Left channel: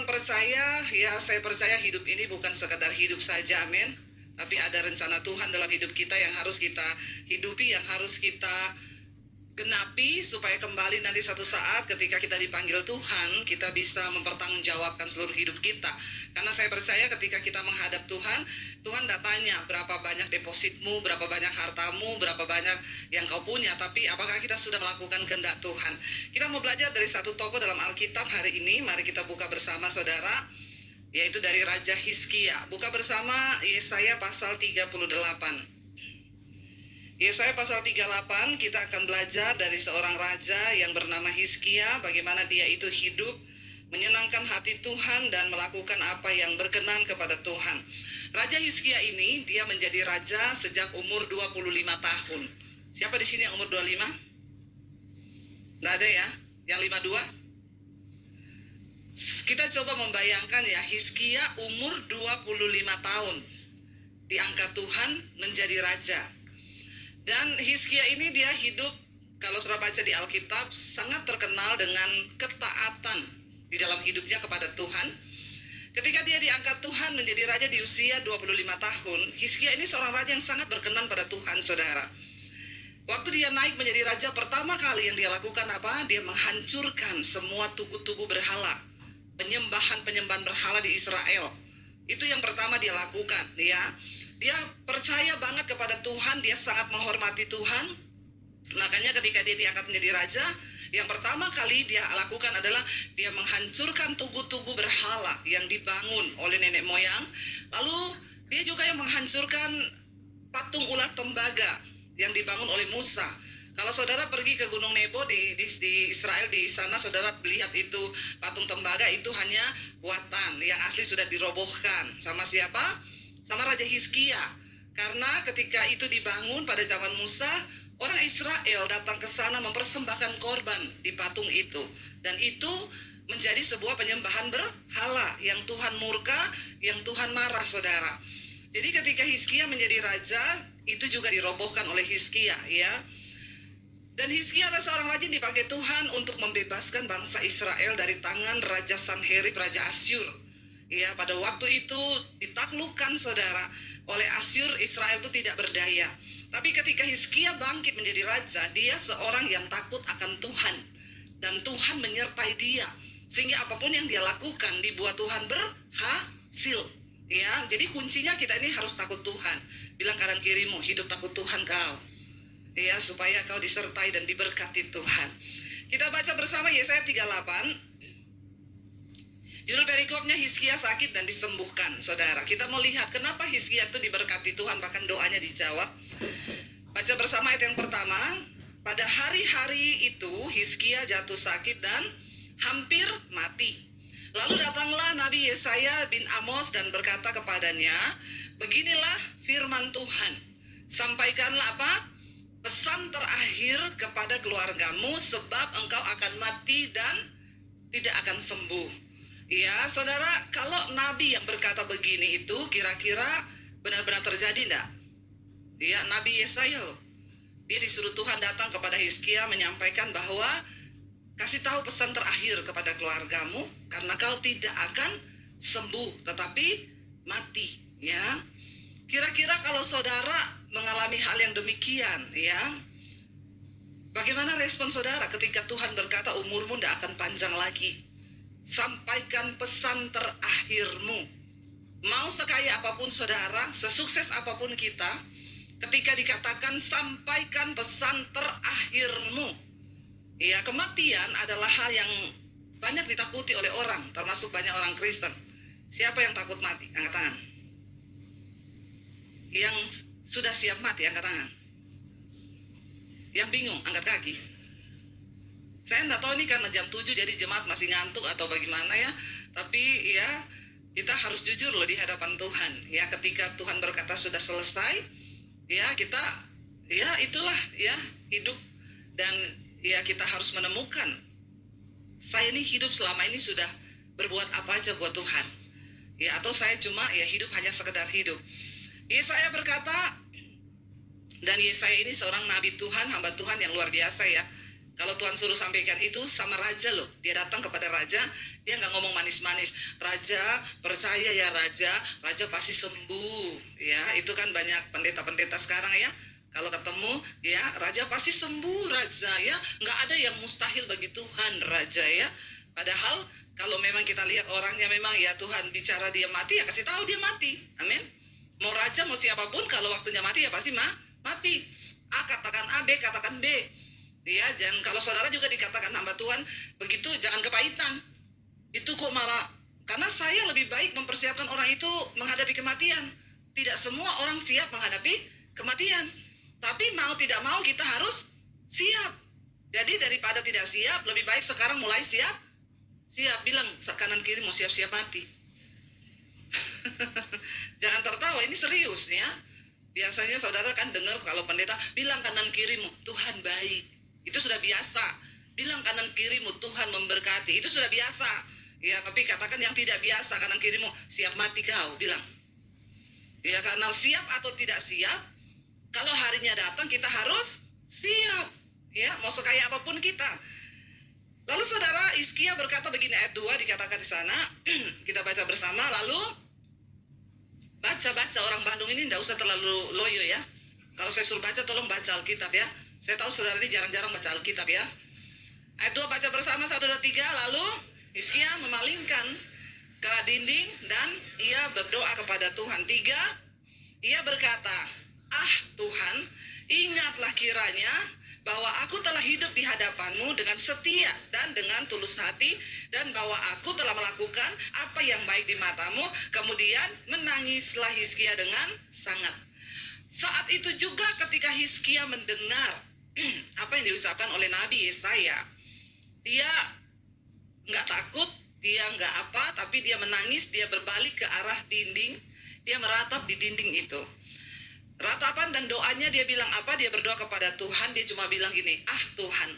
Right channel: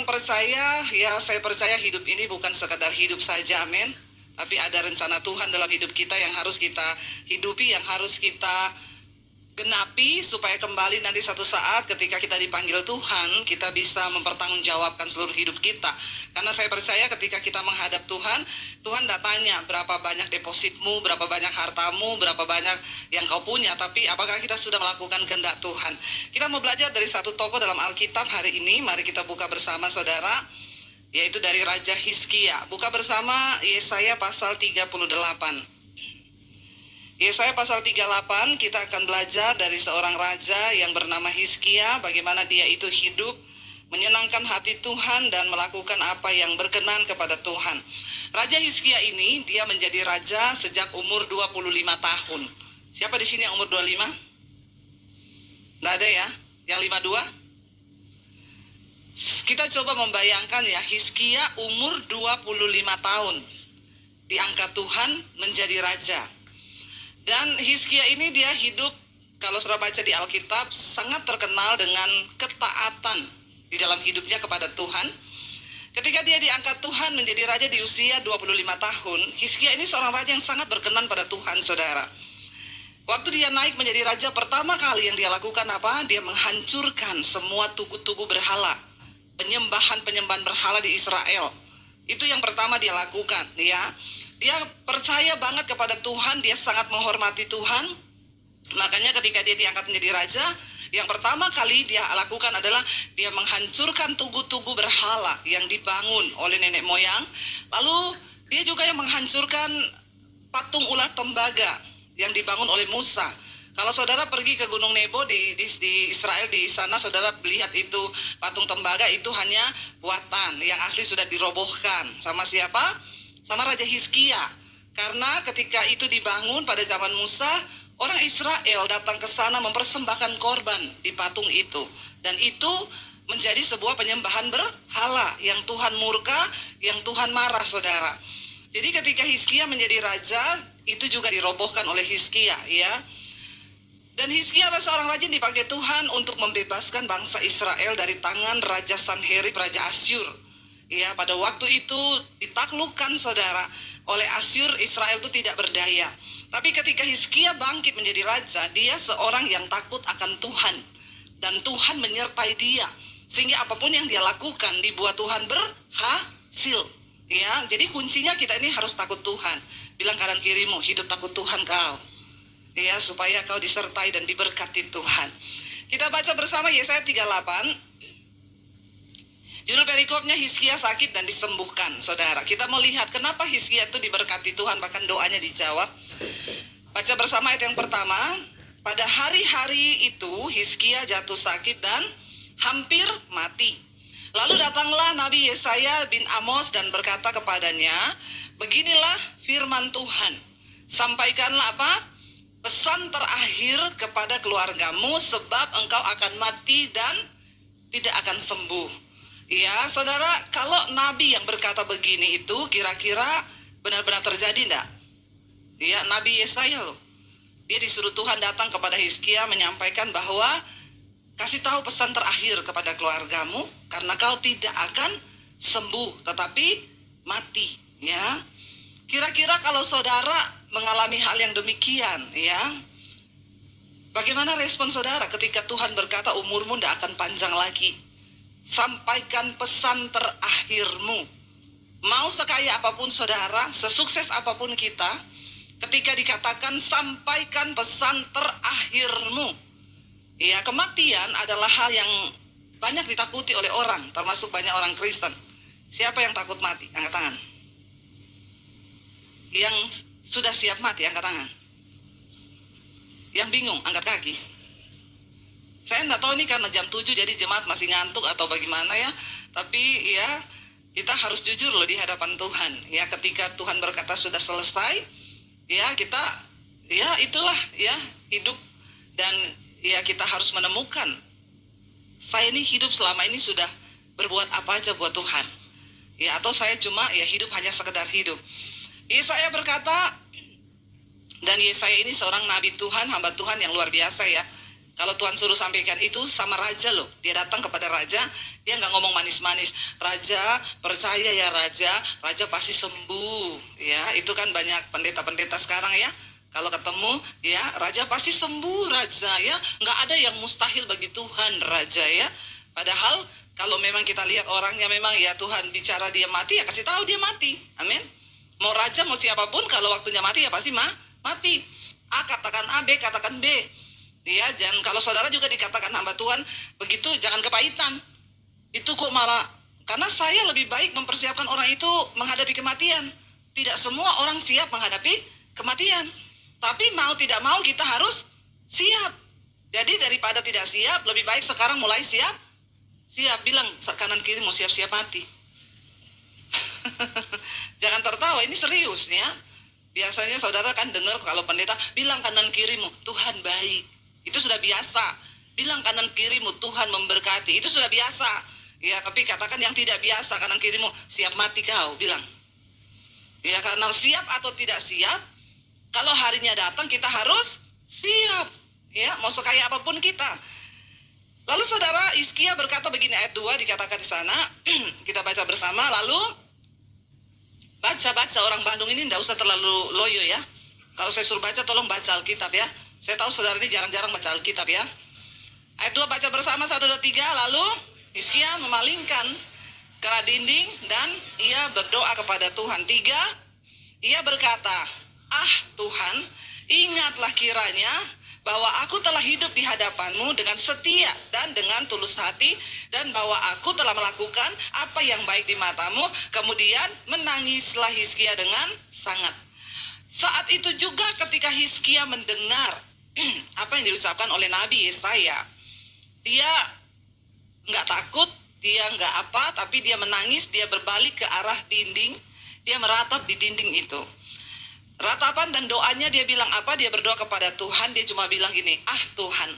orang percaya, ya saya percaya hidup ini bukan sekadar hidup saja, amin. Tapi ada rencana Tuhan dalam hidup kita yang harus kita hidupi, yang harus kita genapi supaya kembali nanti satu saat ketika kita dipanggil Tuhan, kita bisa mempertanggungjawabkan seluruh hidup kita. Karena saya percaya ketika kita menghadap Tuhan, Tuhan tidak tanya berapa banyak depositmu, berapa banyak hartamu, berapa banyak yang kau punya, tapi apakah kita sudah melakukan kehendak Tuhan. Kita mau belajar dari satu tokoh dalam Alkitab hari ini. Mari kita buka bersama saudara, yaitu dari Raja Hizkia. Buka bersama Yesaya pasal 38. Yesaya pasal 38, kita akan belajar dari seorang raja yang bernama Hizkia, bagaimana dia itu hidup menyenangkan hati Tuhan dan melakukan apa yang berkenan kepada Tuhan. Raja Hizkia ini dia menjadi raja sejak umur 25 tahun. Siapa di sini yang umur 25? Nggak ada ya? Yang 52? Kita coba membayangkan ya, Hizkia umur 25 tahun diangkat Tuhan menjadi raja. Dan Hizkia ini dia hidup, kalau saudara baca di Alkitab, sangat terkenal dengan ketaatan di dalam hidupnya kepada Tuhan. Ketika dia diangkat Tuhan menjadi raja di usia 25 tahun, Hizkia ini seorang raja yang sangat berkenan pada Tuhan, saudara. Waktu dia naik menjadi raja, pertama kali yang dia lakukan apa? Dia menghancurkan semua tugu-tugu berhala, penyembahan berhala di Israel. Itu yang pertama dia lakukan, ya. Dia percaya banget kepada Tuhan, dia sangat menghormati Tuhan. Makanya ketika dia diangkat menjadi raja, yang pertama kali dia lakukan adalah dia menghancurkan tugu-tugu berhala yang dibangun oleh nenek moyang. Lalu dia juga yang menghancurkan patung ulat tembaga yang dibangun oleh Musa. Kalau saudara pergi ke Gunung Nebo di Israel, di sana saudara lihat itu patung tembaga itu hanya buatan, yang asli sudah dirobohkan. Sama siapa? Sama Raja Hizkia. Karena ketika itu dibangun pada zaman Musa, orang Israel datang ke sana mempersembahkan korban di patung itu. Dan itu menjadi sebuah penyembahan berhala yang Tuhan murka, yang Tuhan marah, saudara. Jadi ketika Hizkia menjadi raja, itu juga dirobohkan oleh Hizkia, ya. Dan Hizkia adalah seorang raja yang dipakai Tuhan untuk membebaskan bangsa Israel dari tangan Raja Sanherib, Raja Asyur. Ya, pada waktu itu ditaklukkan, saudara, oleh Asyur. Israel itu tidak berdaya. Tapi ketika Hizkia bangkit menjadi raja, dia seorang yang takut akan Tuhan. Dan Tuhan menyertai dia. Sehingga apapun yang dia lakukan dibuat Tuhan berhasil. Ya, jadi kuncinya kita ini harus takut Tuhan. Bilang kanan kirimu, hidup takut Tuhan kau. Ya, supaya kau disertai dan diberkati Tuhan. Kita baca bersama Yesaya 38. Judul perikopnya Hizkia sakit dan disembuhkan, saudara. Kita mau lihat kenapa Hizkia itu diberkati Tuhan, bahkan doanya dijawab. Baca bersama ayat yang pertama. Pada hari-hari itu Hizkia jatuh sakit dan hampir mati. Lalu datanglah Nabi Yesaya bin Amos dan berkata kepadanya, beginilah firman Tuhan. Sampaikanlah apa? Pesan terakhir kepada keluargamu, sebab engkau akan mati dan tidak akan sembuh. Ya, saudara, kalau Nabi yang berkata begini itu kira-kira benar-benar terjadi enggak? Ya, Nabi Yesaya loh. Dia disuruh Tuhan datang kepada Hizkia menyampaikan bahwa kasih tahu pesan terakhir kepada keluargamu, karena kau tidak akan sembuh tetapi mati, ya. Kira-kira kalau saudara mengalami hal yang demikian, ya, bagaimana respon saudara ketika Tuhan berkata umurmu tidak akan panjang lagi? Sampaikan pesan terakhirmu. Mau sekaya apapun saudara, sesukses apapun kita, ketika dikatakan sampaikan pesan terakhirmu, ya, kematian adalah hal yang banyak ditakuti oleh orang, termasuk banyak orang Kristen. Siapa yang takut mati? Angkat tangan. Yang sudah siap mati, angkat tangan. Yang bingung, angkat kaki. Saya enggak tahu ini karena jam 7 jadi jemaat masih ngantuk atau bagaimana ya. Tapi ya, kita harus jujur loh di hadapan Tuhan. Ya, ketika Tuhan berkata sudah selesai, ya kita, ya itulah ya hidup. Dan ya kita harus menemukan, saya ini hidup selama ini sudah berbuat apa aja buat Tuhan. Ya, atau saya cuma ya hidup hanya sekedar hidup. Yesaya berkata, dan Yesaya ini seorang nabi Tuhan, hamba Tuhan yang luar biasa ya. Kalau Tuhan suruh sampaikan itu sama raja loh. Dia datang kepada raja, dia nggak ngomong manis-manis. Raja, percaya ya raja, raja pasti sembuh. Ya, itu kan banyak pendeta-pendeta sekarang ya. Kalau ketemu, ya raja pasti sembuh raja ya. Nggak ada yang mustahil bagi Tuhan raja ya. Padahal kalau memang kita lihat orangnya memang ya Tuhan bicara dia mati ya kasih tahu dia mati. Amin. Mau raja mau siapapun kalau waktunya mati ya pasti mati. A katakan A, B katakan B. Ya, dan kalau saudara juga dikatakan hamba Tuhan, begitu jangan kepahitan. Itu kok malah, karena saya lebih baik mempersiapkan orang itu menghadapi kematian. Tidak semua orang siap menghadapi kematian. Tapi mau tidak mau kita harus siap. Jadi daripada tidak siap, lebih baik sekarang mulai siap. Siap, bilang kanan kiri mau siap-siap mati. Jangan tertawa, ini serius ya. Biasanya saudara kan dengar kalau pendeta bilang kanan kirimu, Tuhan baik. Itu sudah biasa. Bilang kanan kirimu, Tuhan memberkati. Itu sudah biasa. Ya, tapi katakan yang tidak biasa, kanan kirimu, siap mati kau, bilang. Ya, karena siap atau tidak siap, kalau harinya datang kita harus siap. Ya, mau sekaya apapun kita. Lalu saudara Hizkia berkata begini, ayat 2 dikatakan di sana, kita baca bersama, lalu baca orang Bandung ini tidak usah terlalu loyo ya. Kalau saya suruh baca, tolong baca Alkitab ya. Saya tahu saudara ini jarang-jarang baca Alkitab ya. Ayat 2 baca bersama, 1, 2, 3. Lalu Hizkia memalingkan ke arah dinding dan ia berdoa kepada Tuhan. 3, ia berkata, ah Tuhan, ingatlah kiranya bahwa aku telah hidup di hadapan-Mu dengan setia dan dengan tulus hati, dan bahwa aku telah melakukan apa yang baik di mata-Mu. Kemudian menangislah Hizkia dengan sangat. Saat itu juga ketika Hizkia mendengar apa yang diucapkan oleh Nabi Yesaya, dia nggak takut, dia nggak apa, tapi dia menangis, dia berbalik ke arah dinding, dia meratap di dinding itu. Ratapan dan doanya dia bilang apa? Dia berdoa kepada Tuhan, dia cuma bilang gini, ah Tuhan,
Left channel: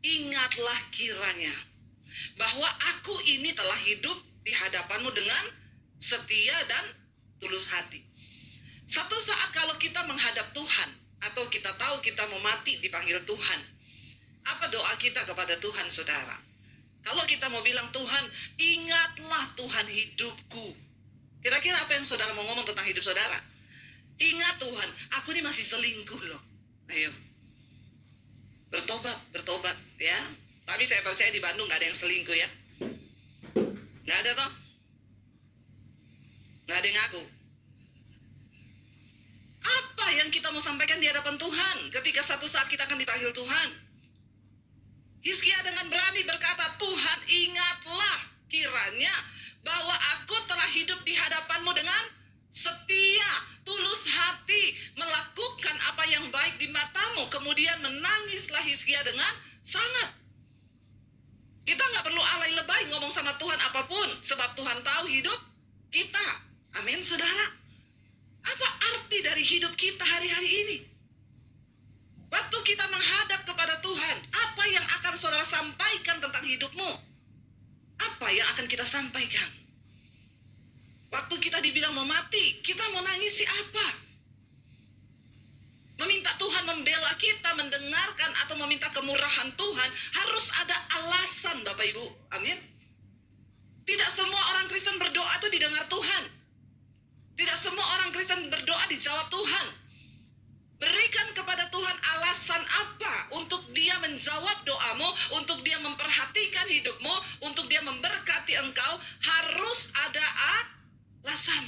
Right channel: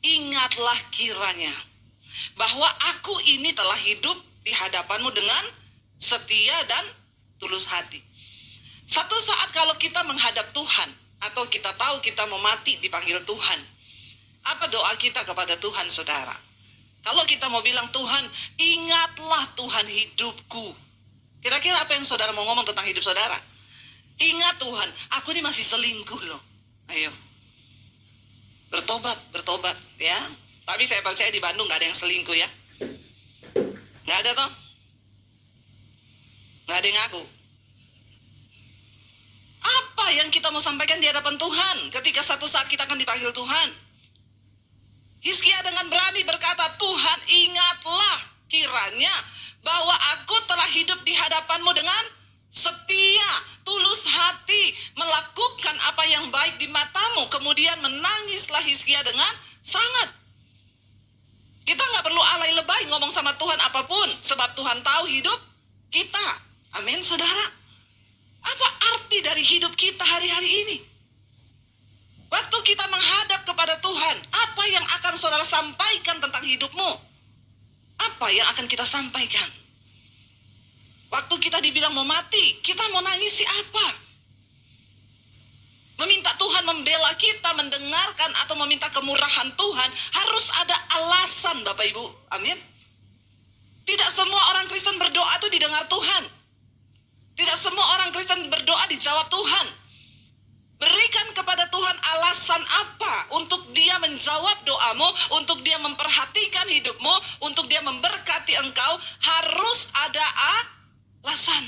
ingatlah kiranya bahwa aku ini telah hidup di hadapan-Mu dengan setia dan tulus hati. Satu saat kalau kita menghadap Tuhan, atau kita tahu kita mau mati dipanggil Tuhan, apa doa kita kepada Tuhan saudara? Kalau kita mau bilang Tuhan, ingatlah Tuhan hidupku. Kira-kira apa yang saudara mau ngomong tentang hidup saudara? Ingat Tuhan, aku ini masih selingkuh loh. Ayo, bertobat ya. Tapi saya percaya di Bandung gak ada yang selingkuh ya. Gak ada toh? Gak ada yang ngaku. Apa yang kita mau sampaikan di hadapan Tuhan ketika satu saat kita akan dipanggil Tuhan? Hizkia dengan berani berkata, Tuhan ingatlah kiranya bahwa aku telah hidup di hadapan-Mu dengan setia, tulus hati, melakukan apa yang baik di mata-Mu. Kemudian menangislah Hizkia dengan sangat. Kita gak perlu alay lebay ngomong sama Tuhan apapun, sebab Tuhan tahu hidup kita. Amin saudara. Apa arti dari hidup kita hari-hari ini? Waktu kita menghadap kepada Tuhan, apa yang akan saudara sampaikan tentang hidupmu? Apa yang akan kita sampaikan? Waktu kita dibilang mau mati, kita mau nangisi apa? Meminta Tuhan membela kita, mendengarkan atau meminta kemurahan Tuhan, harus ada alasan Bapak Ibu. Amin. Tidak semua orang Kristen berdoa itu didengar Tuhan. Tidak semua orang Kristen berdoa dijawab Tuhan. Berikan kepada Tuhan alasan apa untuk dia menjawab doamu, untuk dia memperhatikan hidupmu, untuk dia memberkati engkau. Harus ada alasan.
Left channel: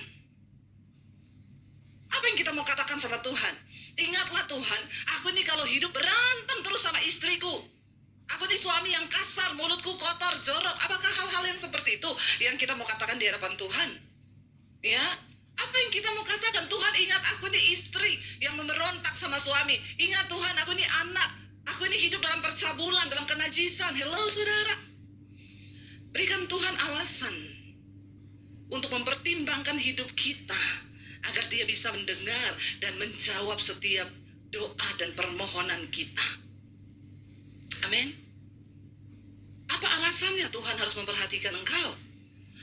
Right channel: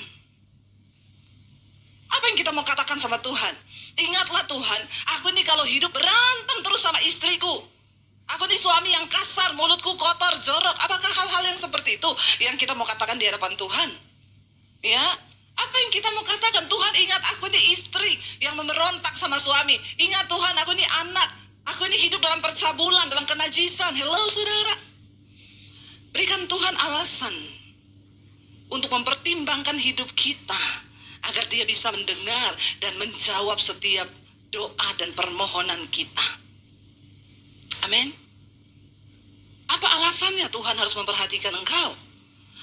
Apa yang kita mau katakan sama Tuhan? Ingatlah Tuhan, aku ini kalau hidup berantem terus sama istriku. Aku ini suami yang kasar, mulutku kotor, jorok. Apakah hal-hal yang seperti itu yang kita mau katakan di hadapan Tuhan? Ya, apa yang kita mau katakan? Tuhan, ingat aku ini istri yang memberontak sama suami. Ingat Tuhan, aku ini anak. Aku ini hidup dalam percabulan, dalam kenajisan. Hello saudara. Berikan Tuhan alasan untuk mempertimbangkan hidup kita, agar dia bisa mendengar dan menjawab setiap doa dan permohonan kita. Amin. Apa alasannya Tuhan harus memperhatikan engkau?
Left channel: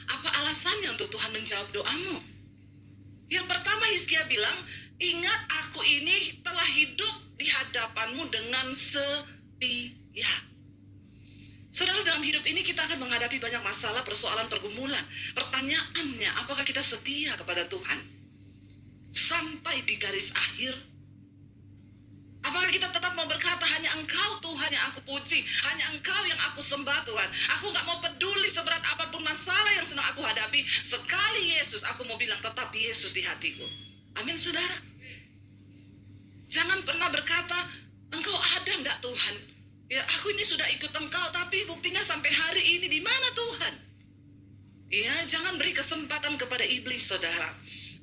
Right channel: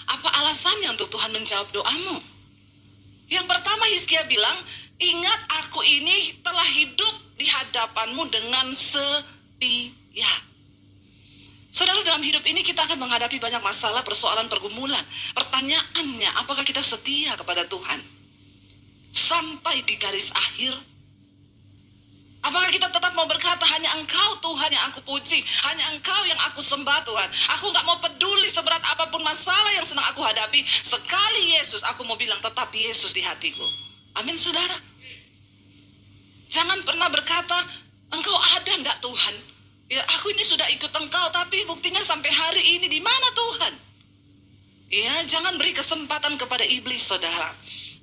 Apa alasannya untuk Tuhan menjawab doamu? Yang pertama Hizkia bilang, ingat aku ini telah hidup di hadapan-Mu dengan setia. Ya, saudara, dalam hidup ini kita akan menghadapi banyak masalah, persoalan, pergumulan. Pertanyaannya, apakah kita setia kepada Tuhan sampai di garis akhir? Apakah kita tetap mau berkata, hanya Engkau Tuhan yang aku puji, hanya Engkau yang aku sembah Tuhan. Aku gak mau peduli seberat apapun masalah yang sedang aku hadapi. Sekali Yesus, aku mau bilang tetap Yesus di hatiku. Amin, saudara. Jangan pernah berkata, Engkau ada enggak Tuhan? Ya, aku ini sudah ikut Engkau, tapi buktinya sampai hari ini di mana Tuhan? Ya, jangan beri kesempatan kepada iblis, saudara,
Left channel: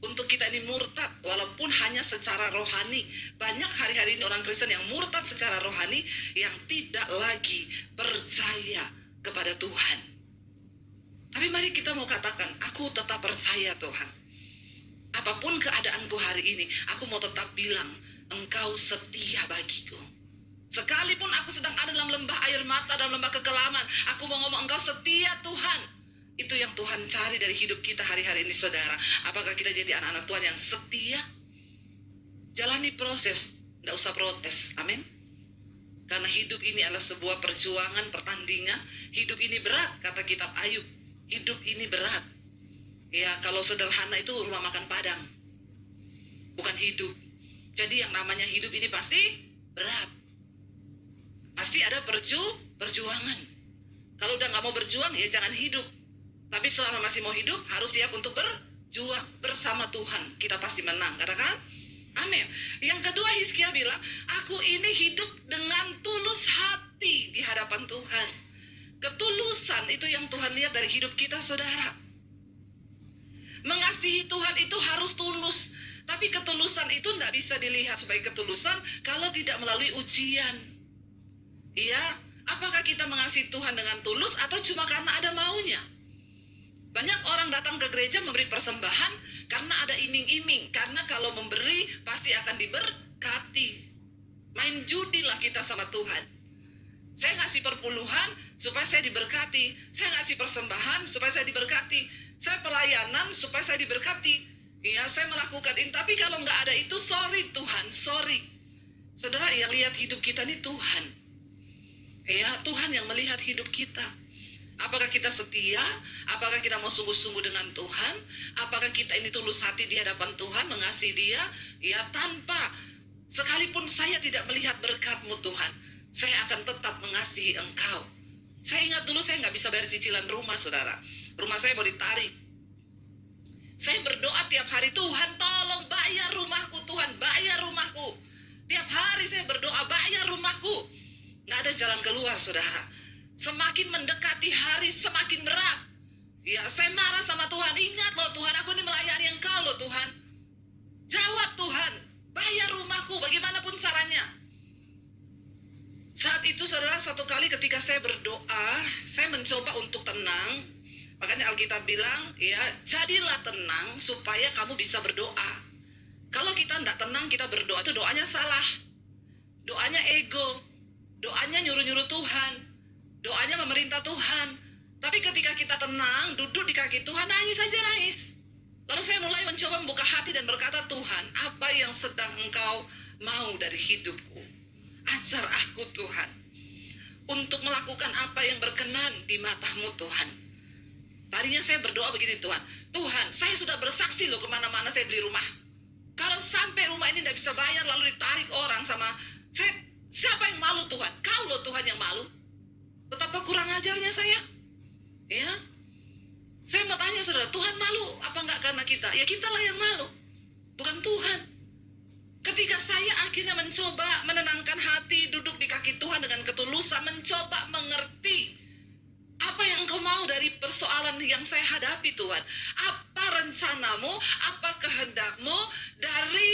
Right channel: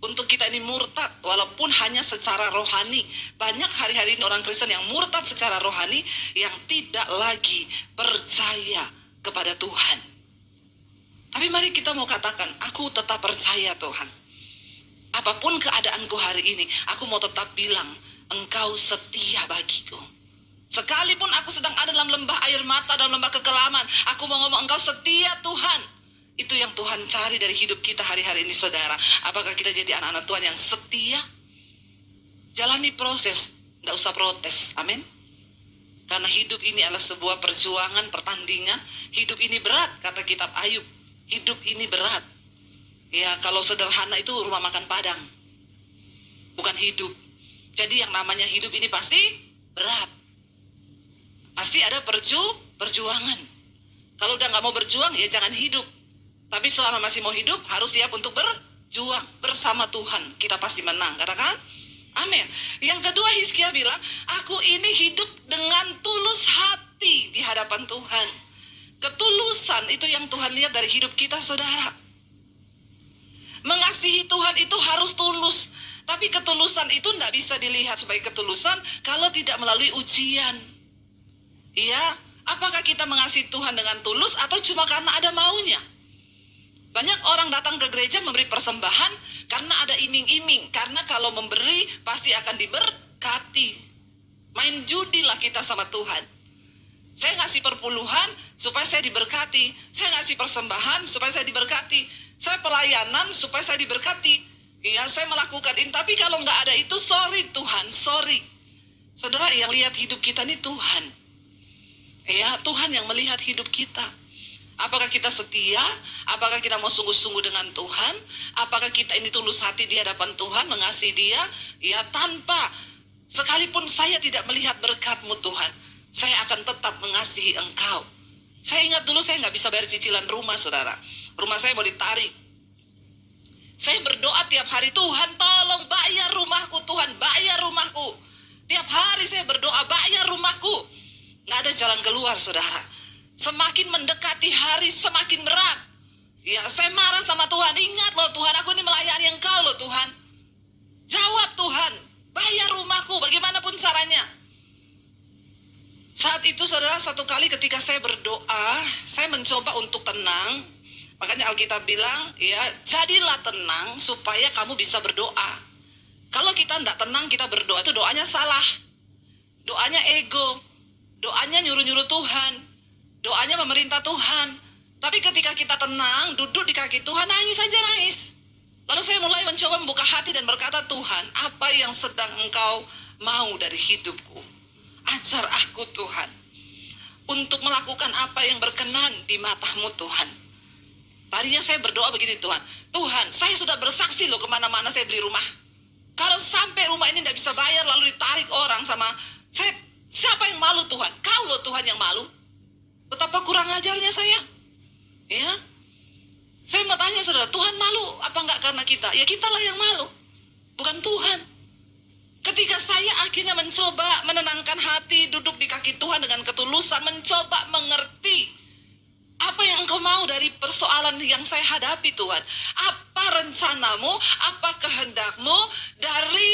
untuk kita ini murtad, walaupun hanya secara rohani. Banyak hari-hari ini orang Kristen yang murtad secara rohani, yang tidak lagi percaya kepada Tuhan. Tapi mari kita mau katakan, aku tetap percaya Tuhan. Apapun keadaanku hari ini, aku mau tetap bilang, Engkau setia bagiku. Sekalipun aku sedang ada dalam lembah air mata, dalam lembah kekelaman, aku mau ngomong, Engkau setia Tuhan. Itu yang Tuhan cari dari hidup kita hari-hari ini, saudara. Apakah kita jadi anak-anak Tuhan yang setia? Jalani proses, tidak usah protes, amin. Karena hidup ini adalah sebuah perjuangan, pertandingan. Hidup ini berat, kata kitab Ayub. Hidup ini berat. Ya, kalau sederhana itu rumah makan Padang, bukan hidup. Jadi yang namanya hidup ini pasti berat. Pasti ada perjuangan. Kalau udah gak mau berjuang, ya jangan hidup. Tapi selama masih mau hidup, harus siap untuk berjuang. Bersama Tuhan, kita pasti menang. Katakan, amin. Yang kedua, Hizkia bilang, aku ini hidup dengan tulus hati di hadapan Tuhan. Ketulusan itu yang Tuhan lihat dari hidup kita, saudara. Mengasihi Tuhan itu harus tulus. Tapi ketulusan itu tidak bisa dilihat sebagai ketulusan kalau tidak melalui ujian. Iya, apakah kita mengasihi Tuhan dengan tulus atau cuma karena ada maunya? Banyak orang datang ke gereja memberi persembahan karena ada iming-iming. Karena kalau memberi pasti akan diberkati. Main judilah kita sama Tuhan. Saya ngasih perpuluhan supaya saya diberkati. Saya ngasih persembahan supaya saya diberkati. Saya pelayanan supaya saya diberkati. Iya, saya melakukan ini. Tapi kalau nggak ada itu, sorry Tuhan, sorry. Saudara, yang lihat hidup kita ini Tuhan. Ya, Tuhan yang melihat hidup kita. Apakah kita setia? Apakah kita mau sungguh-sungguh dengan Tuhan? Apakah kita ini tulus hati di hadapan Tuhan, mengasihi Dia? Ya, tanpa, sekalipun saya tidak melihat berkat-Mu Tuhan, saya akan tetap mengasihi Engkau. Saya ingat dulu saya nggak bisa bayar cicilan rumah, saudara. Rumah saya mau ditarik. Saya berdoa tiap hari, Tuhan tolong bayar rumahku, Tuhan bayar rumahku. Tiap hari saya berdoa, bayar rumahku. Nggak ada jalan keluar, saudara. Semakin mendekati hari, semakin berat. Ya, saya marah sama Tuhan. Ingat loh Tuhan, aku ini melayani Engkau loh Tuhan. Jawab Tuhan, bayar rumahku bagaimanapun caranya. Saat itu, saudara, satu kali ketika saya berdoa, saya mencoba untuk tenang. Makanya Alkitab bilang, ya, jadilah tenang supaya kamu bisa berdoa. Kalau kita tidak tenang, kita berdoa, itu doanya salah. Doanya ego. Doanya nyuruh-nyuruh Tuhan. Doanya memerintah Tuhan. Tapi ketika kita tenang, duduk di kaki Tuhan, nangis aja nangis. Lalu saya mulai mencoba membuka hati dan berkata, Tuhan, apa yang sedang Engkau mau dari hidupku? Ajar aku Tuhan, untuk melakukan apa yang berkenan di mata-Mu Tuhan. Tadinya saya berdoa begini, Tuhan, saya sudah bersaksi loh kemana-mana saya beli rumah. Kalau sampai rumah ini tidak bisa bayar lalu ditarik orang sama saya, siapa yang malu Tuhan? Kau loh Tuhan yang malu. Betapa kurang ajarnya saya. Ya, saya mau tanya saudara, Tuhan malu apa enggak karena kita? Ya kitalah yang malu, bukan Tuhan. Ketika saya akhirnya mencoba menenangkan hati, duduk di kaki Tuhan dengan ketulusan, mencoba mengerti apa yang Engkau mau dari persoalan yang saya hadapi Tuhan. Apa rencanamu, apa kehendak-Mu dari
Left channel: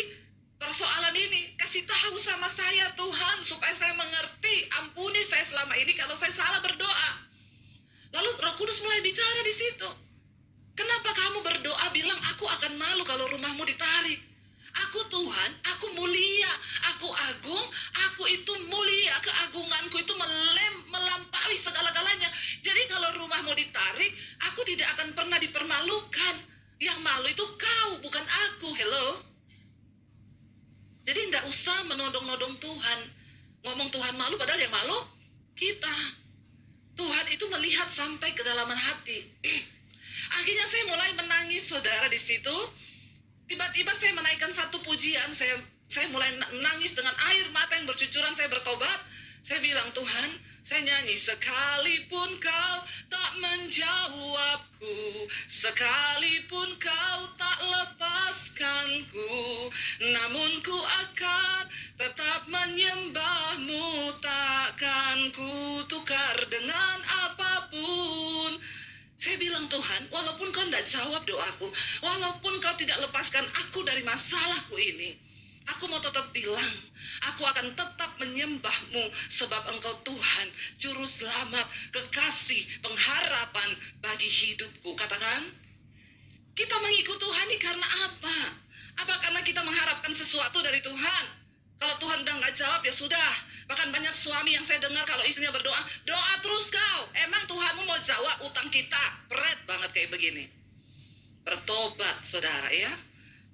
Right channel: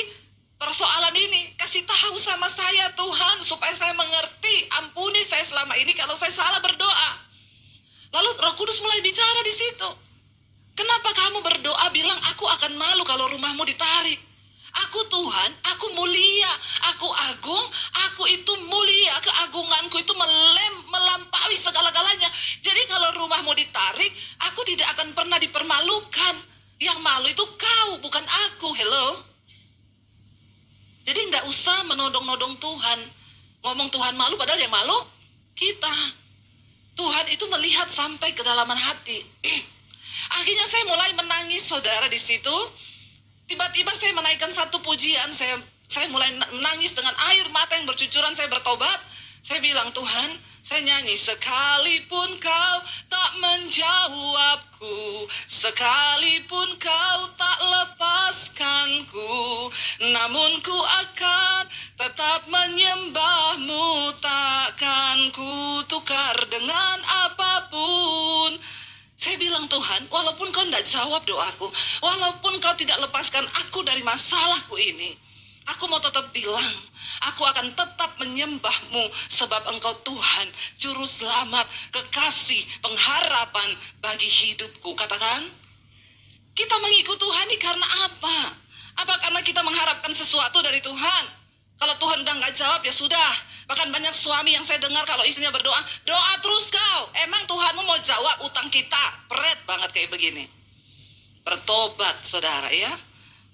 persoalan ini? Kasih tahu sama saya Tuhan, supaya saya mengerti. Ampuni saya selama ini kalau saya salah berdoa. Lalu Roh Kudus mulai bicara di situ. Kenapa kamu berdoa bilang aku akan malu kalau rumahmu ditarik? Aku Tuhan, aku mulia, aku agung, aku itu mulia, keagunganku itu melampaui segala-galanya. Jadi kalau rumahmu ditarik, aku tidak akan pernah dipermalukan. Yang malu itu kau, bukan aku. Hello? Jadi nggak usah menodong-nodong Tuhan. Ngomong Tuhan malu padahal yang malu kita. Tuhan itu melihat sampai kedalaman hati. Akhirnya saya mulai menangis, saudara, di situ. Tiba-tiba saya menaikkan satu pujian, saya mulai menangis dengan air mata yang bercucuran, saya bertobat. Saya bilang, Tuhan, saya nyanyi, sekalipun kau tak menjawabku, sekalipun kau tak lepaskanku, namun ku akan tetap menyembahmu, takkan ku tukar dengan apapun. Saya bilang, Tuhan, walaupun kau tidak jawab doaku, walaupun kau tidak lepaskan aku dari masalahku ini, aku mau tetap bilang, aku akan tetap menyembahmu, sebab engkau Tuhan, juru selamat, kekasih, pengharapan bagi hidupku. Katakan, kita mengikut Tuhan ini karena apa? Apa karena kita mengharapkan sesuatu dari Tuhan? Kalau Tuhan udah nggak jawab, ya sudah. Bahkan banyak suami yang saya dengar kalau istrinya berdoa, doa terus kau. Emang Tuhanmu mau jawab utang kita? Berat banget kayak begini. Bertobat, saudara, ya.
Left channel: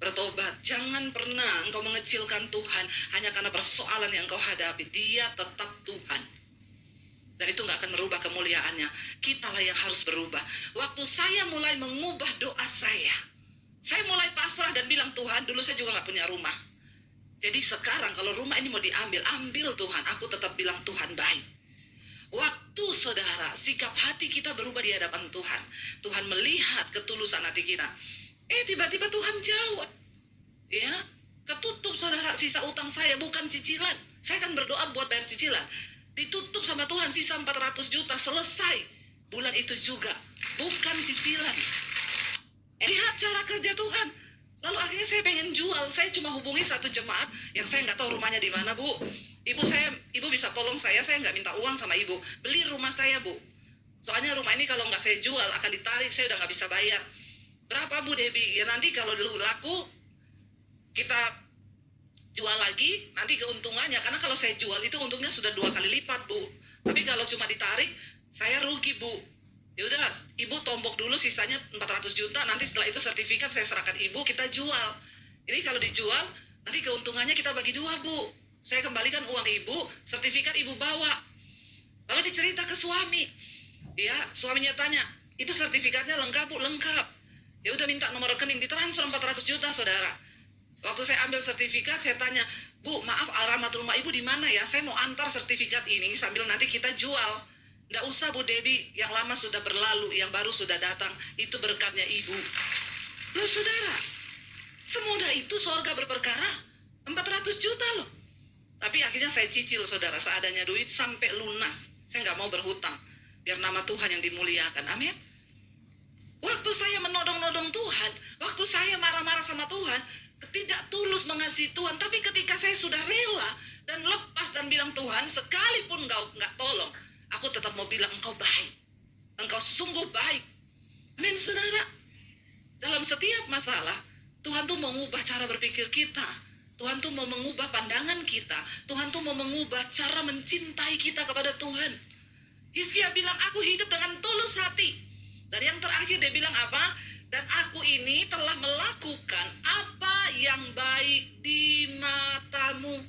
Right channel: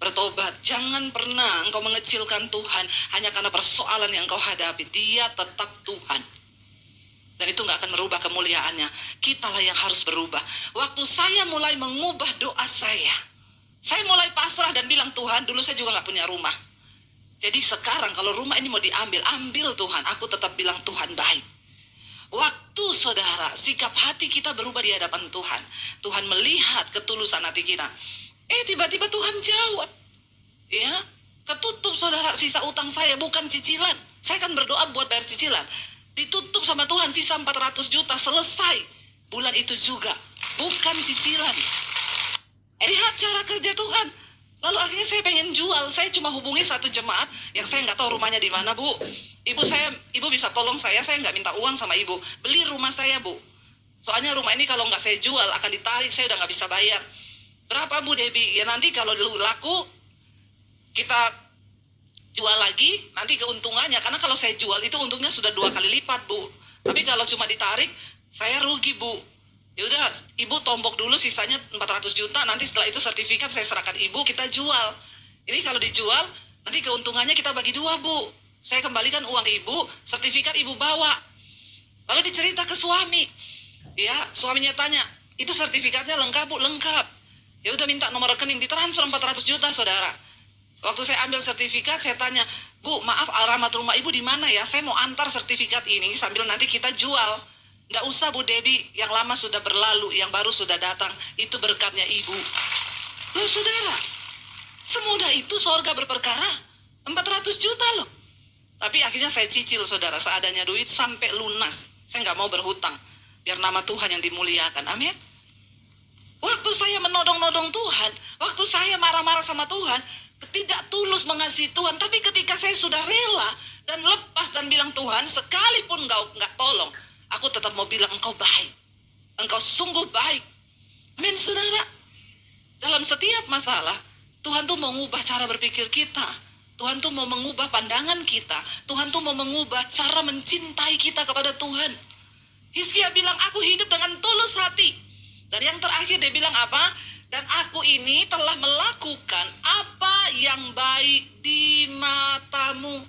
Bertobat. Jangan pernah engkau mengecilkan Tuhan hanya karena persoalan yang engkau hadapi. Dia tetap Tuhan. Dan itu gak akan merubah kemuliaannya. Kitalah yang harus berubah. Waktu saya mulai mengubah doa saya mulai pasrah dan bilang, Tuhan, dulu saya juga gak punya rumah. Jadi sekarang kalau rumah ini mau diambil, ambil Tuhan. Aku tetap bilang Tuhan baik. Waktu, saudara, sikap hati kita berubah di hadapan Tuhan. Tuhan melihat ketulusan hati kita. Tiba-tiba Tuhan jawab. Ya, ketutup, saudara, sisa utang saya, bukan cicilan. Saya kan berdoa buat bayar cicilan. Ditutup sama Tuhan, sisa 400 juta, selesai. Bulan itu juga, bukan cicilan. Lihat cara kerja Tuhan. Lalu akhirnya saya pengen jual. Saya cuma hubungi satu jemaat yang saya nggak tahu rumahnya di mana, Bu. Ibu bisa tolong saya nggak minta uang sama ibu. Beli rumah saya, Bu. Soalnya rumah ini kalau nggak saya jual akan ditarik, saya udah nggak bisa bayar. Berapa, Bu Debbie? Ya nanti kalau laku, kita jual lagi, nanti keuntungannya. Karena kalau saya jual itu untungnya sudah 2 kali lipat, Bu. Tapi kalau cuma ditarik, saya rugi, Bu. Ya udah, ibu tombok dulu sisanya 400 juta, nanti setelah itu sertifikat saya serahkan ibu, kita jual. Ini kalau dijual, nanti keuntungannya kita bagi 2, Bu. Saya kembalikan uang ibu, sertifikat ibu bawa. Lalu dicerita ke suami. Ya, suaminya tanya, itu sertifikatnya lengkap, Bu? Lengkap. Ya udah, minta nomor rekening, ditransfer 400 juta, saudara. Waktu saya ambil sertifikat, saya tanya, Bu, maaf, alamat rumah ibu di mana ya? Saya mau antar sertifikat ini sambil nanti kita jual. Nggak usah, Bu Debbie, yang lama sudah berlalu, yang baru sudah datang. Itu berkatnya ibu. Loh, saudara, semudah itu sorga berperkara. 400 juta loh. Tapi akhirnya saya cicil, saudara, seadanya duit sampai lunas. Saya nggak mau berhutang, biar nama Tuhan yang dimuliakan. Amin. Waktu saya menodong-nodong Tuhan, waktu saya marah-marah sama Tuhan, tidak tulus mengasihi Tuhan. Tapi ketika saya sudah rela dan lepas dan bilang, Tuhan, sekalipun engkau nggak tolong, aku tetap mau bilang engkau baik. Engkau sungguh baik. Amin, saudara. Dalam setiap masalah, Tuhan tuh mau mengubah cara berpikir kita. Tuhan tuh mau mengubah pandangan kita. Tuhan tuh mau mengubah cara mencintai kita kepada Tuhan. Hizkia bilang, aku hidup dengan tulus hati. Dan yang terakhir dia bilang apa? Dan aku ini telah melakukan apa yang baik di matamu.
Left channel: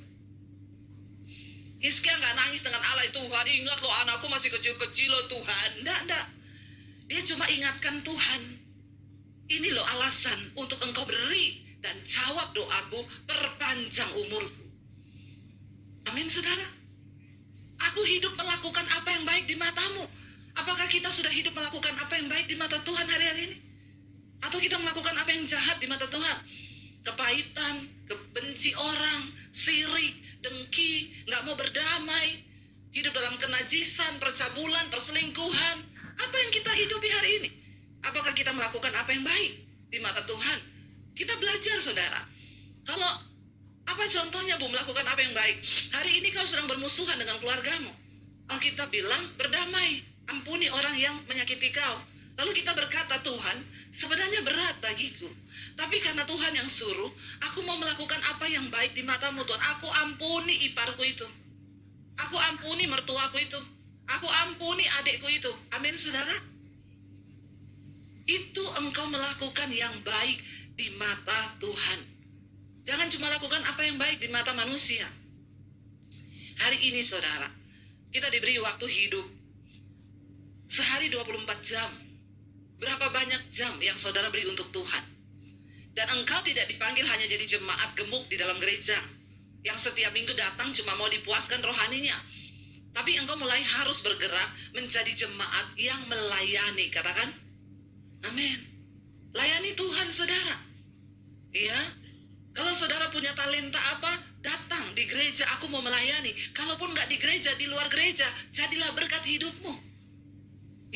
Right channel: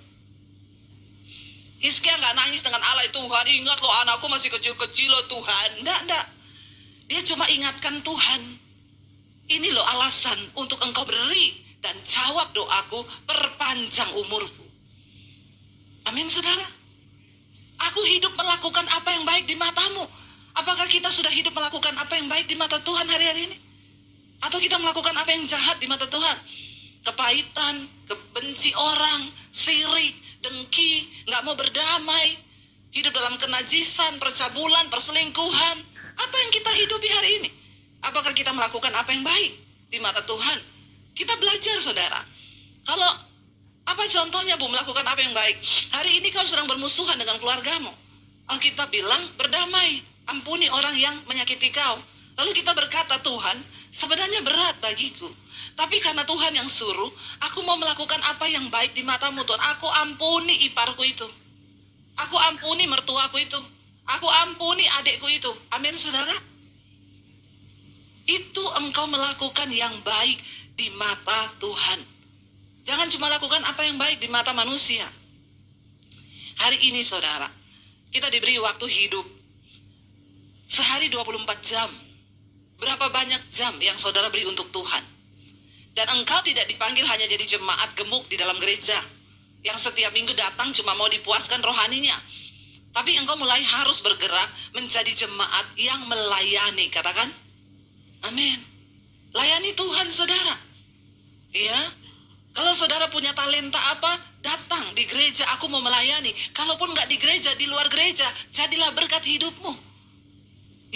Hizkia nggak nangis dengan alay, Tuhan ingat loh anakku masih kecil-kecil loh Tuhan. Nggak. Dia cuma ingatkan Tuhan, ini loh alasan untuk engkau beri dan jawab doaku, perpanjang umurku. Amin, saudara. Aku hidup melakukan apa yang baik di matamu. Apakah kita sudah hidup melakukan apa yang baik di mata Tuhan hari-hari ini? Atau kita melakukan apa yang jahat di mata Tuhan? Kepahitan, kebenci orang, sirik, dengki, nggak mau berdamai, hidup dalam kenajisan, percabulan, perselingkuhan. Apa yang kita hidupi hari ini? Apakah kita melakukan apa yang baik di mata Tuhan? Kita belajar, saudara. Kalau apa contohnya, Bu, melakukan apa yang baik? Hari ini kau sedang bermusuhan dengan keluargamu. Alkitab bilang berdamai, ampuni orang yang menyakiti kau. Lalu kita berkata, Tuhan, sebenarnya berat bagiku. Tapi karena Tuhan yang suruh, aku mau melakukan apa yang baik di matamu, Tuhan. Aku ampuni iparku itu. Aku ampuni mertuaku itu. Aku ampuni adikku itu. Amin, saudara. Itu engkau melakukan yang baik di mata Tuhan. Jangan cuma lakukan apa yang baik di mata manusia. Hari ini, saudara, Kita diberi waktu hidup sehari 24 jam. Berapa banyak jam yang saudara beri untuk Tuhan? Dan engkau tidak dipanggil hanya jadi jemaat gemuk di dalam gereja yang setiap minggu datang cuma mau dipuaskan rohaninya. Tapi engkau mulai harus bergerak menjadi jemaat yang melayani. Katakan, amin. Layani Tuhan, saudara. Ya, kalau saudara punya talenta apa, datang di gereja, aku mau melayani. Kalaupun nggak di gereja, di luar gereja, jadilah berkat hidupmu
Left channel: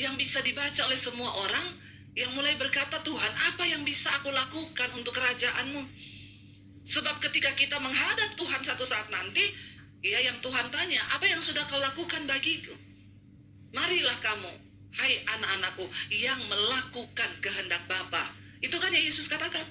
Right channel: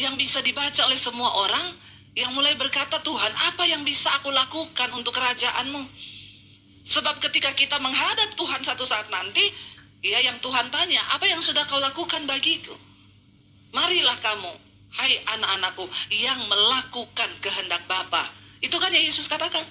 yang bisa dibaca oleh semua orang, yang mulai berkata, Tuhan, apa yang bisa aku lakukan untuk kerajaan-Mu? Sebab ketika kita menghadap Tuhan satu saat nanti, ya, yang Tuhan tanya, apa yang sudah kau lakukan bagiku? Marilah kamu, hai anak-anakku, yang melakukan kehendak Bapa. Itu kan yang Yesus katakan.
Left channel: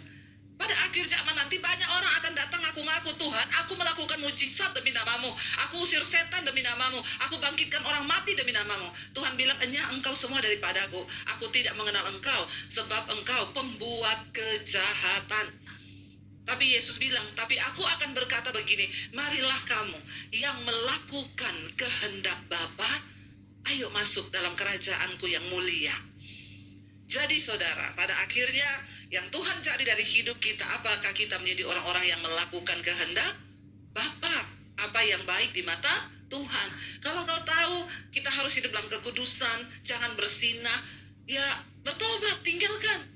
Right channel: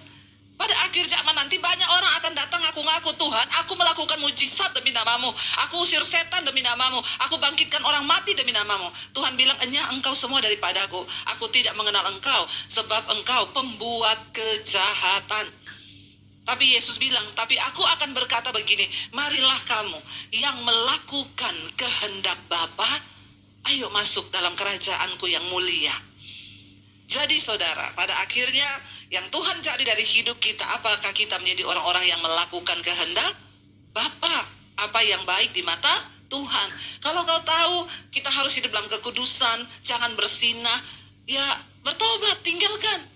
Pada akhir zaman nanti banyak orang akan datang ngaku-ngaku, Tuhan, aku melakukan mujizat demi namamu, aku usir setan demi namamu, aku bangkitkan orang mati demi namamu. Tuhan bilang, enyah engkau semua daripadaku, aku tidak mengenal engkau, sebab engkau pembuat kejahatan. Tapi Yesus bilang, tapi aku akan berkata begini, marilah kamu yang melakukan kehendak Bapa, ayo masuk dalam kerajaanku yang mulia. Jadi saudara, pada akhirnya yang Tuhan cari dari hidup kita, apakah kita menjadi orang-orang yang melakukan kehendak Bapa, apa yang baik di mata Tuhan. Kalau kau tahu kita harus hidup dalam kekudusan, jangan bersinah, ya bertobat, tinggalkan.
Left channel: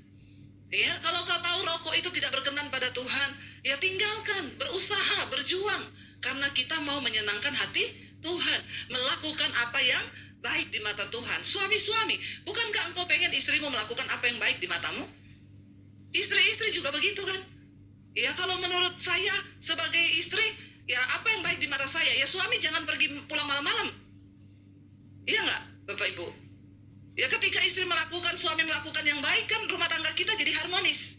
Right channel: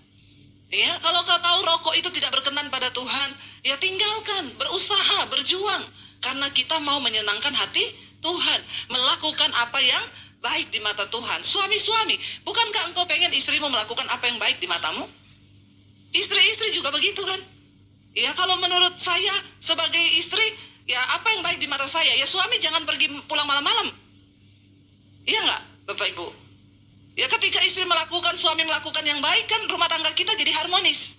Ya, kalau kau tahu rokok itu tidak berkenan pada Tuhan, ya tinggalkan, berusaha, berjuang, karena kita mau menyenangkan hati Tuhan, melakukan apa yang baik di mata Tuhan. Suami-suami, bukankah engkau pengen istrimu melakukan apa yang baik di matamu? Istri-istri juga begitu kan? Ya, kalau menurut saya sebagai istri, ya apa yang baik di mata saya? Ya suami jangan pergi pulang malam-malam. Iya nggak, Bapak Ibu? Ya ketika istri melakukan, suami melakukan yang baik, kan rumah tangga kita jadi harmonis.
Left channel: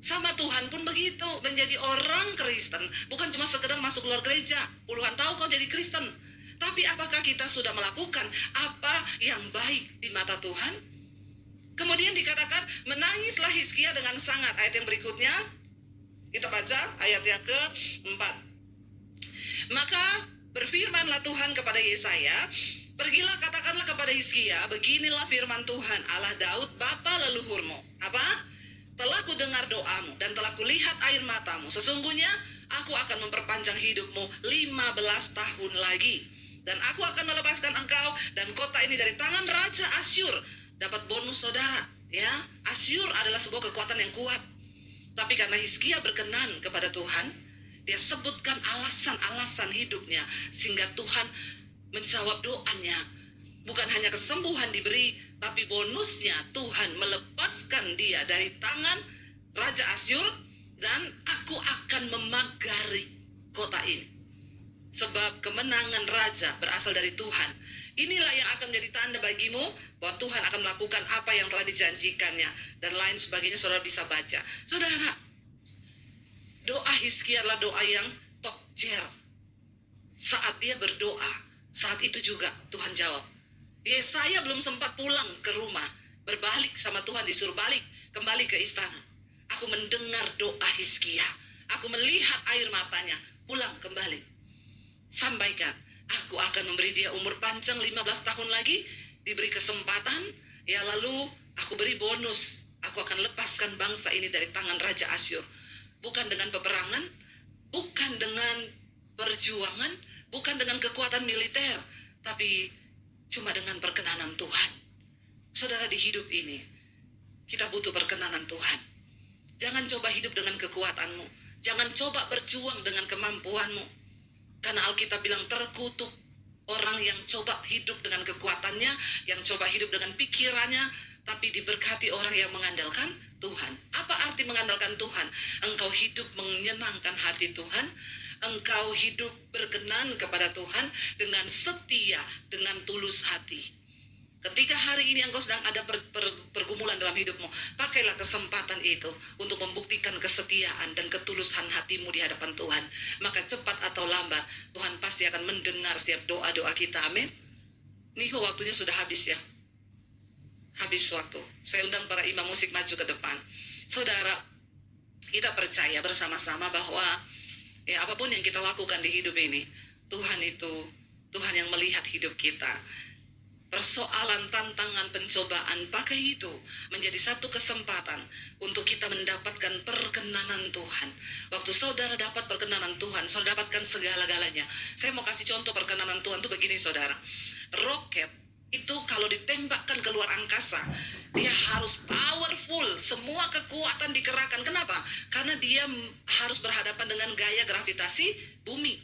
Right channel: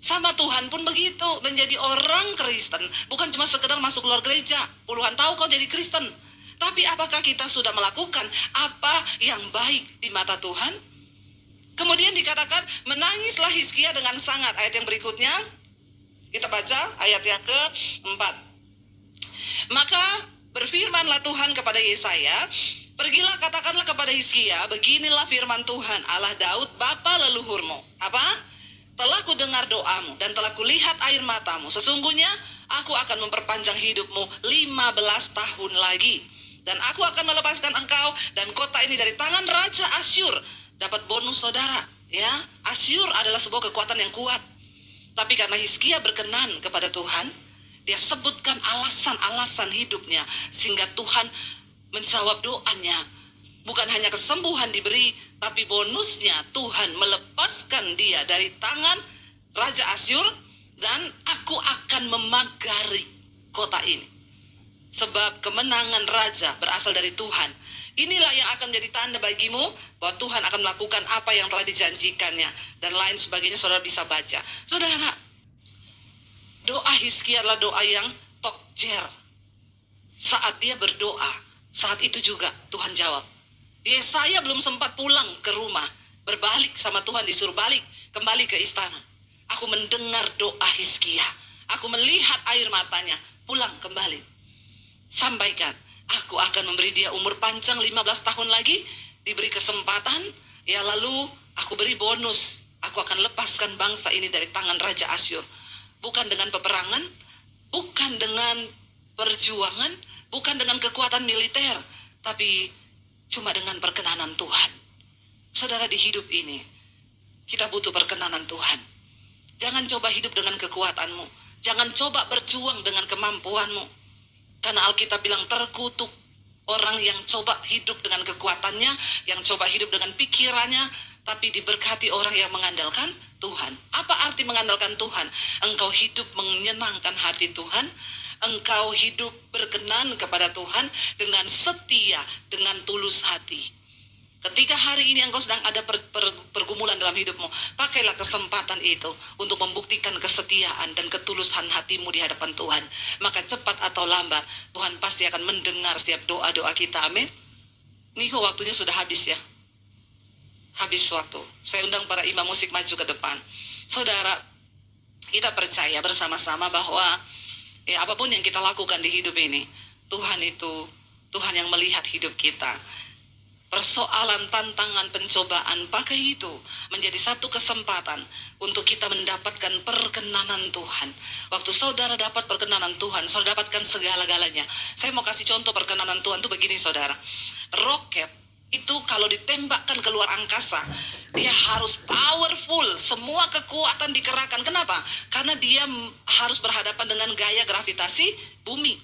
Sama Tuhan pun begitu, menjadi orang Kristen, bukan cuma sekedar masuk luar gereja, puluhan tahun kau jadi Kristen. Tapi apakah kita sudah melakukan apa yang baik di mata Tuhan? Kemudian dikatakan, menangislah Hizkia dengan sangat. Ayat yang berikutnya, kita baca ayat yang ke-4. Maka berfirmanlah Tuhan kepada Yesaya, pergilah katakanlah kepada Hizkia, beginilah firman Tuhan, Allah Daud, bapa leluhurmu. Apa? Telah ku dengar doamu dan telah kulihat air matamu. Sesungguhnya aku akan memperpanjang hidupmu 15 tahun lagi. Dan aku akan melepaskan engkau dan kota ini dari tangan Raja Asyur. Dapat bonus saudara, ya. Asyur adalah sebuah kekuatan yang kuat. Tapi karena Hizkia berkenan kepada Tuhan, dia sebutkan alasan-alasan hidupnya, sehingga Tuhan menjawab doanya. Bukan hanya kesembuhan diberi, tapi bonusnya Tuhan melepaskan dia dari tangan Raja Asyur, dan aku akan memagari kota ini. Sebab kemenangan Raja berasal dari Tuhan. Inilah yang akan menjadi tanda bagimu bahwa Tuhan akan melakukan apa yang telah dijanjikannya. Dan lain sebagainya, saudara bisa baca. Saudara, doa Hizkia adalah doa yang tokjer. Saat dia berdoa, saat itu juga Tuhan jawab. Yesaya belum sempat pulang ke rumah, berbalik sama Tuhan, disuruh balik, kembali ke istana. Aku mendengar doa Hizkia, aku melihat air matanya, pulang kembali. Sampaikan, aku akan memberi dia umur panjang 15 tahun lagi, diberi kesempatan, ya lalu aku beri bonus. Aku akan lepaskan bangsa ini dari tangan Raja Asyur. Bukan dengan peperangan, bukan dengan perjuangan, bukan dengan kekuatan militer, tapi cuma dengan perkenanan Tuhan. Saudara, di hidup ini, kita butuh perkenanan Tuhan. Jangan coba hidup dengan kekuatanmu. Jangan coba berjuang dengan kemampuanmu. Karena Alkitab bilang terkutuk orang yang coba hidup dengan kekuatannya, yang coba hidup dengan pikirannya, tapi diberkati orang yang mengandalkan Tuhan. Apa arti mengandalkan Tuhan? Engkau hidup menyenangkan hati Tuhan, engkau hidup berkenan kepada Tuhan dengan setia, dengan tulus hati. Ketika hari ini engkau sedang ada pergumulan dalam hidupmu, pakailah kesempatan itu untuk membuktikan kesetiaan dan ketulusan hatimu di hadapan Tuhan. Maka cepat atau lambat, Tuhan pasti akan mendengar setiap doa-doa kita. Amin. Ini kok waktunya sudah habis ya. Habis waktu. Saya undang para imam musik maju ke depan. Saudara, kita percaya bersama-sama bahwa ya apapun yang kita lakukan di hidup ini, Tuhan itu Tuhan yang melihat hidup kita. Persoalan, tantangan, pencobaan, pakai itu menjadi satu kesempatan untuk kita mendapatkan perkenanan Tuhan. Waktu saudara dapat perkenanan Tuhan, saudara dapatkan segala-galanya. Saya mau kasih contoh perkenanan Tuhan itu begini saudara. Roket itu kalau ditembakkan keluar angkasa, dia harus powerful, semua kekuatan dikerahkan. Kenapa? Karena dia harus berhadapan dengan gaya gravitasi bumi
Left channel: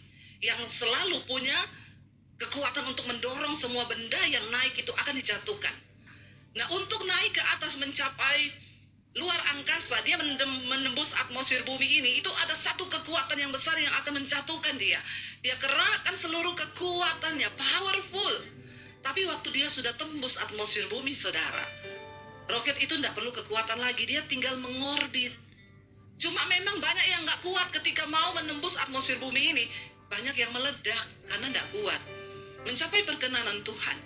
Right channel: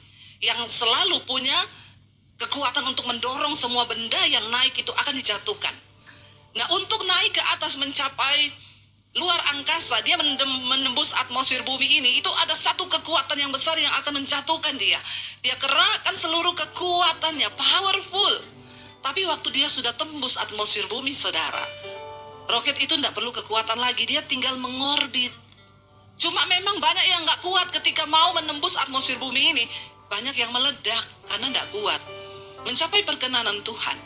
yang selalu punya kekuatan untuk mendorong semua benda yang naik itu akan dijatuhkan. Nah, untuk naik ke atas mencapai luar angkasa, dia menembus atmosfer bumi ini, itu ada satu kekuatan yang besar yang akan menjatuhkan dia. Dia kerahkan seluruh kekuatannya, powerful. Tapi waktu dia sudah tembus atmosfer bumi, saudara, roket itu tidak perlu kekuatan lagi, dia tinggal mengorbit. Cuma memang banyak yang gak kuat ketika mau menembus atmosfer bumi ini. Banyak yang meledak karena gak kuat mencapai perkenanan Tuhan.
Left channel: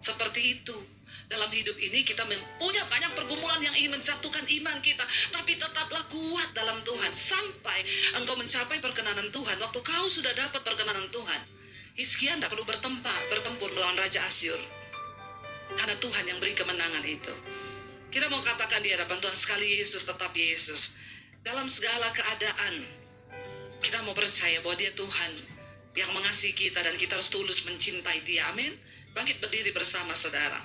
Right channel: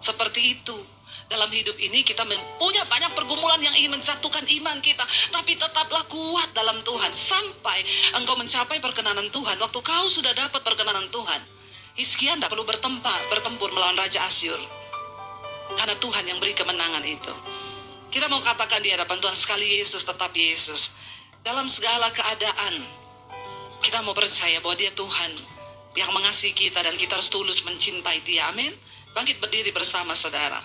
Seperti itu. Dalam hidup ini kita punya banyak pergumulan yang ingin menjatuhkan iman kita. Tapi tetaplah kuat dalam Tuhan sampai engkau mencapai perkenanan Tuhan. Waktu kau sudah dapat perkenanan Tuhan, Hizkia tidak perlu bertempur melawan Raja Asyur. Karena Tuhan yang beri kemenangan itu. Kita mau katakan di hadapan Tuhan, sekali Yesus tetap Yesus. Dalam segala keadaan, kita mau percaya bahwa Dia Tuhan yang mengasihi kita dan kita harus tulus mencintai Dia. Amin. Bangkit berdiri bersama saudara.